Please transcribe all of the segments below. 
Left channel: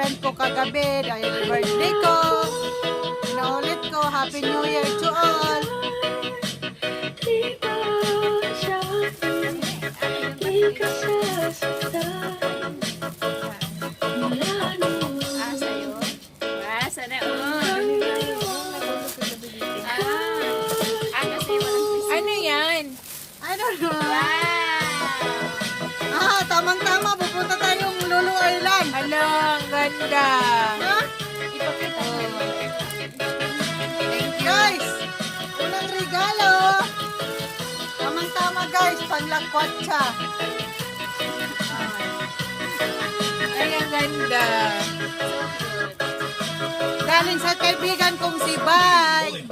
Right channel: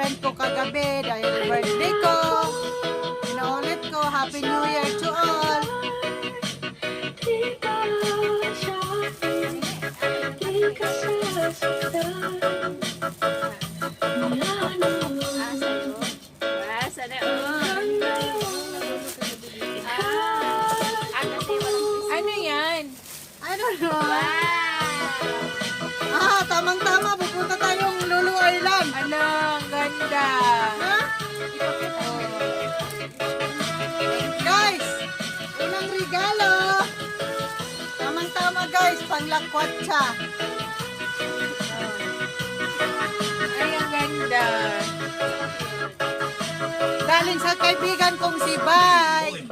friend ko kagabi dahil birthday ko. Pinaulit ko, Happy New Year to all. Ano yan? I don't know. Tamang-tama, pupunta tayong Lulu Island. Ano, ang ganda. Ha? Ipakita mo. Guys, unang regalo. Tamang-tama guys, panglakwat siya. Ay, ang ganda. Galing sa kaibigan kong si Bay.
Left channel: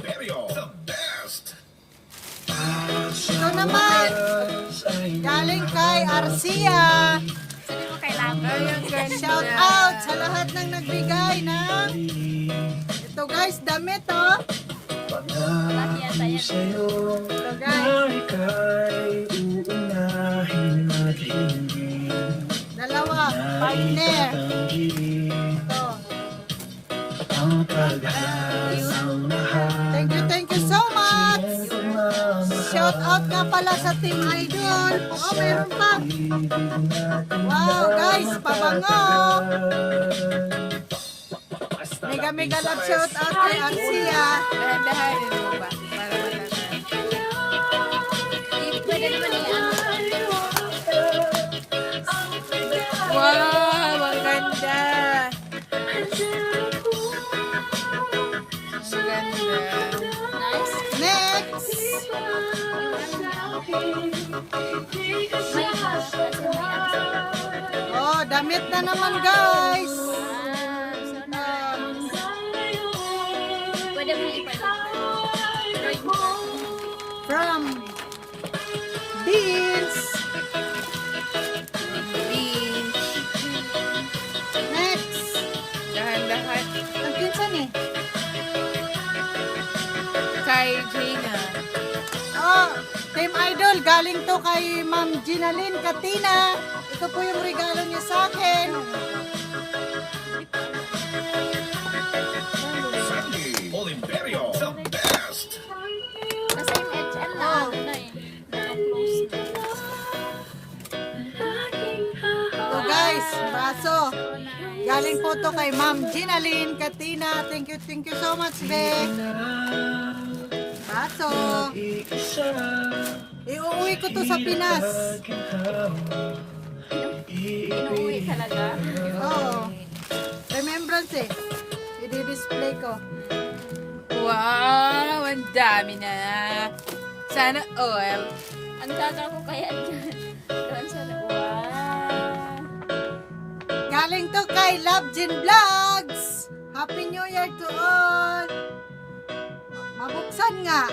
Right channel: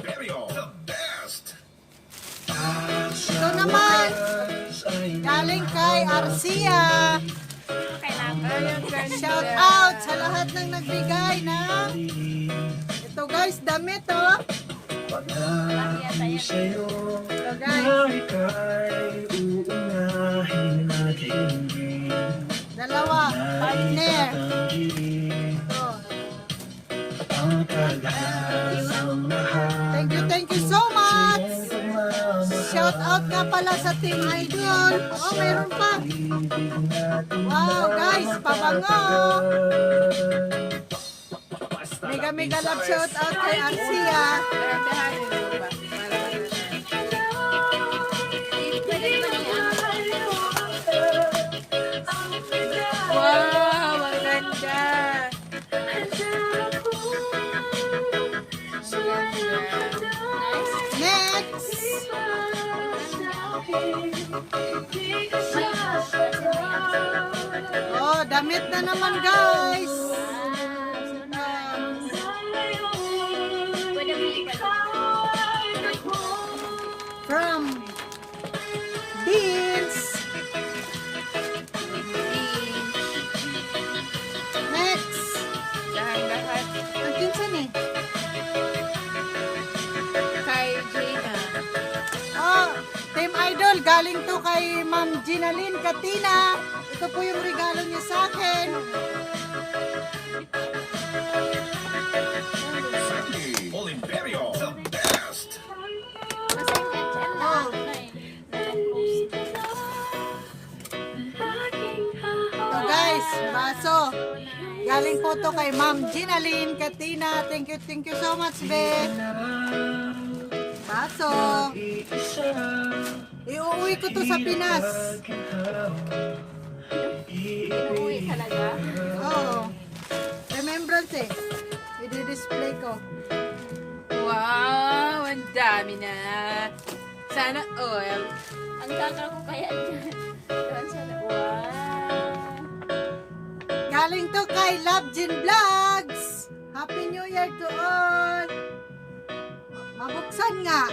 Ito naman, galing kay Arcia. Ay, ang ganda. Shout out sa lahat ng nagbigay ng ito guys, damit oh. Ito guys, dalawa, partner. Ito. Thank you so much. Shout out nga pala sa Team Idol. Oh, mayroon pa. Wow, guys, pabango. Mega love shout out kay Arcia. Dahan-dahan yun mo ba? Para matanda. Pwede naman yung ano. Wow, ang ganda. Next. Oh, damit na naman guys. From Beans. Next. Dahan-dahan. Ang pinsan eh. Kay Gina. Oh, Team Idol, galing to kay Ma'am Ginalyn Katina. Ito po yung regalo niya sa akin. All Imperial, the best. Kasi yung HL na Oh. ano na eh. Ito guys, baso. Galing po to kay Ma'am Ginalyn Katina. Thank you so much, be. Baso. Iuwi ko to sa Pinas. Inuwi talaga. Oo. Remembrance eh. I-display ko. Wow, ang dami na. Sana all. Ang tagal ko kaya dyan. Sana wow. Galing to kay Love Jin Vlogs. Happy New Year to all. Mabuksan nga.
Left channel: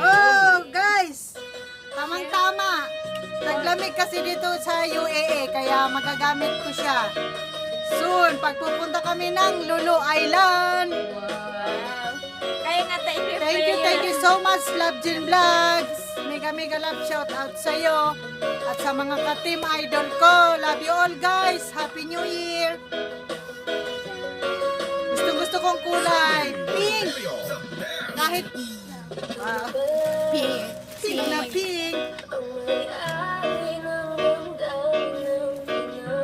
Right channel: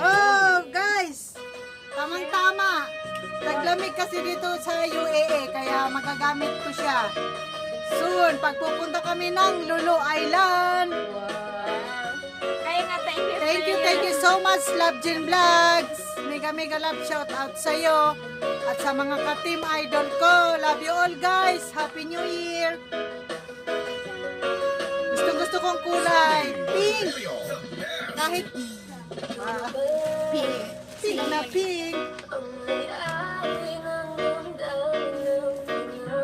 Oh, guys. Tamang-tama. Naglamig kasi dito sa UAE kaya magagamit ko siya. Soon, pagpupunta kami ng Lulu Island. Wow. Kaya nga tayo Thank you so much, Love Jin Vlogs. Mega love shout out sa iyo at sa mga ka-team idol ko. Love you all guys. Happy New Year. Gusto kong kulay pink. Kahit pink. Pink na pink.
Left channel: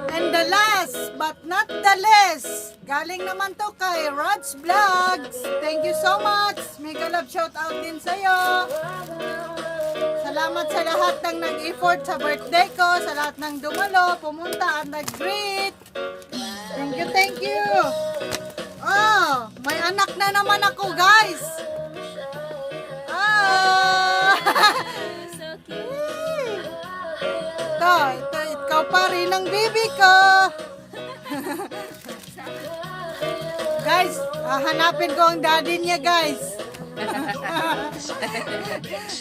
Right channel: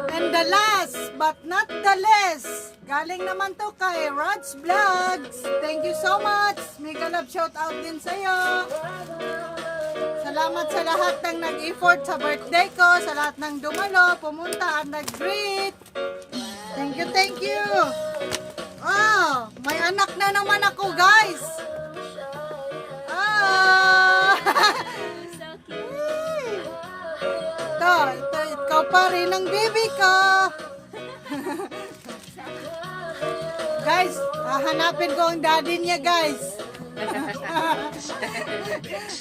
And the last but not the least, galing naman to kay Rod's Vlogs. Thank you so much. Mega love shout out din sa iyo. Salamat sa lahat ng nag-effort sa birthday ko, sa lahat ng dumalo, pumunta at nag-greet. Thank you. Oh, may anak na naman ako, guys. Ah! So cute. Ito, ikaw pa rin ang baby ko. Guys, hanapin ko ang daddy niya, guys.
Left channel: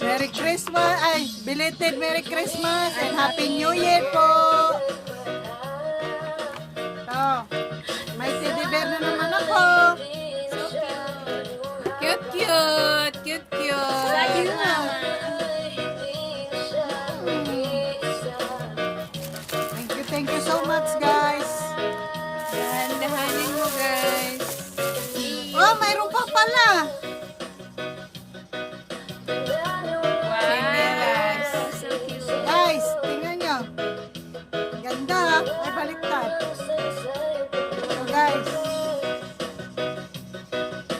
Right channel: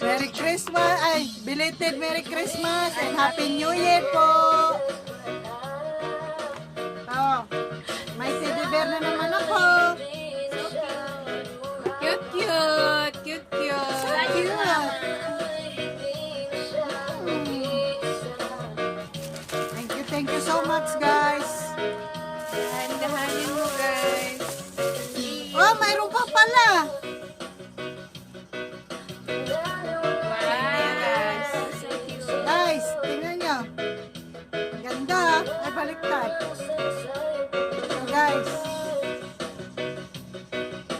Merry Christmas, belated Merry Christmas and Happy New Year po. Ito, may teddy bear na naman ako. Cute. Cute. you so much, guys. Dahan-dahanin mo, guys. Oh, mayroon pa pala. Wow. So cute. Guys, tingnan nyo. Ganda. Ay, baliktad. So, guys.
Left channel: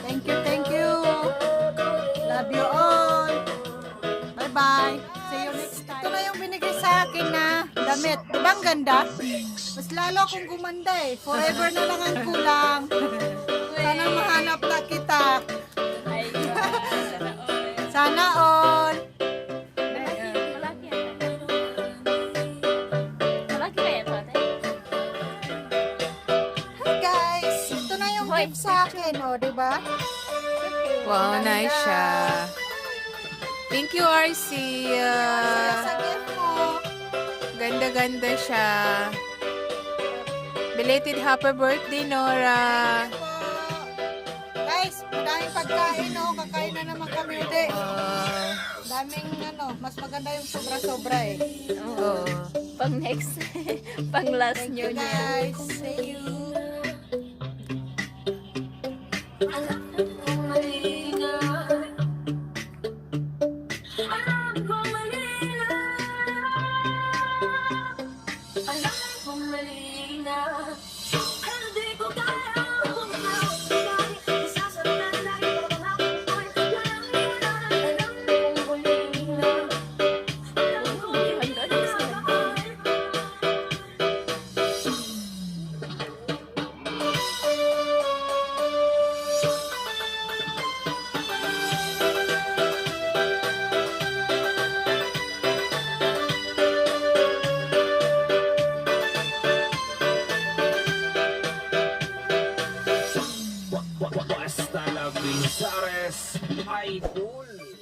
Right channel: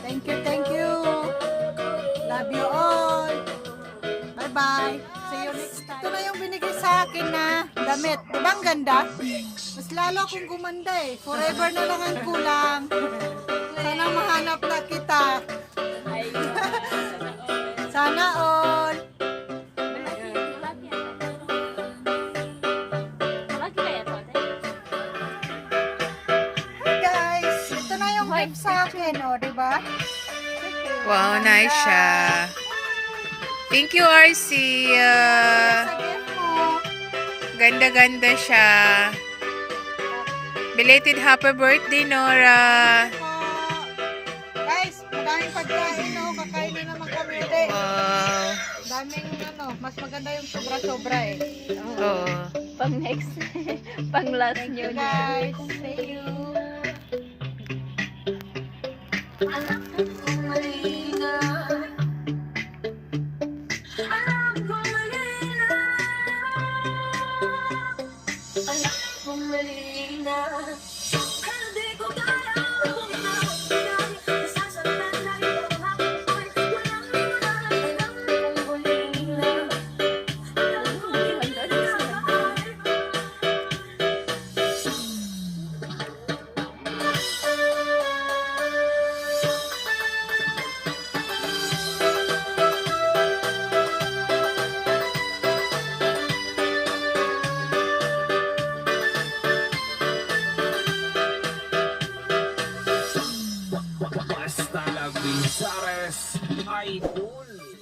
Thank you, thank you. Love you all. Bye-bye. See you next time. Ito na yung binigay sa akin na damit. Diba ang ganda? Mas lalo akong gumanda eh. Forever na lang ang kulang. Sana mahanap na kita. Sana all. Hey guys, ito na yung gift sa akin, oh, di ba? Wow, nice siya. Thank you, RC. Sa gift mo. Ganda-ganda siya. Belated happy birthday, Nora. Guys, madaming pagkain, oh. Kakain na naman kami ulit. Wow. Daming ano, mas maganda yung sobra-sobra eh. Oh. Pang next, pang last Thank nyo you niya. guys. Thank you. Basta la Binsares ay cool.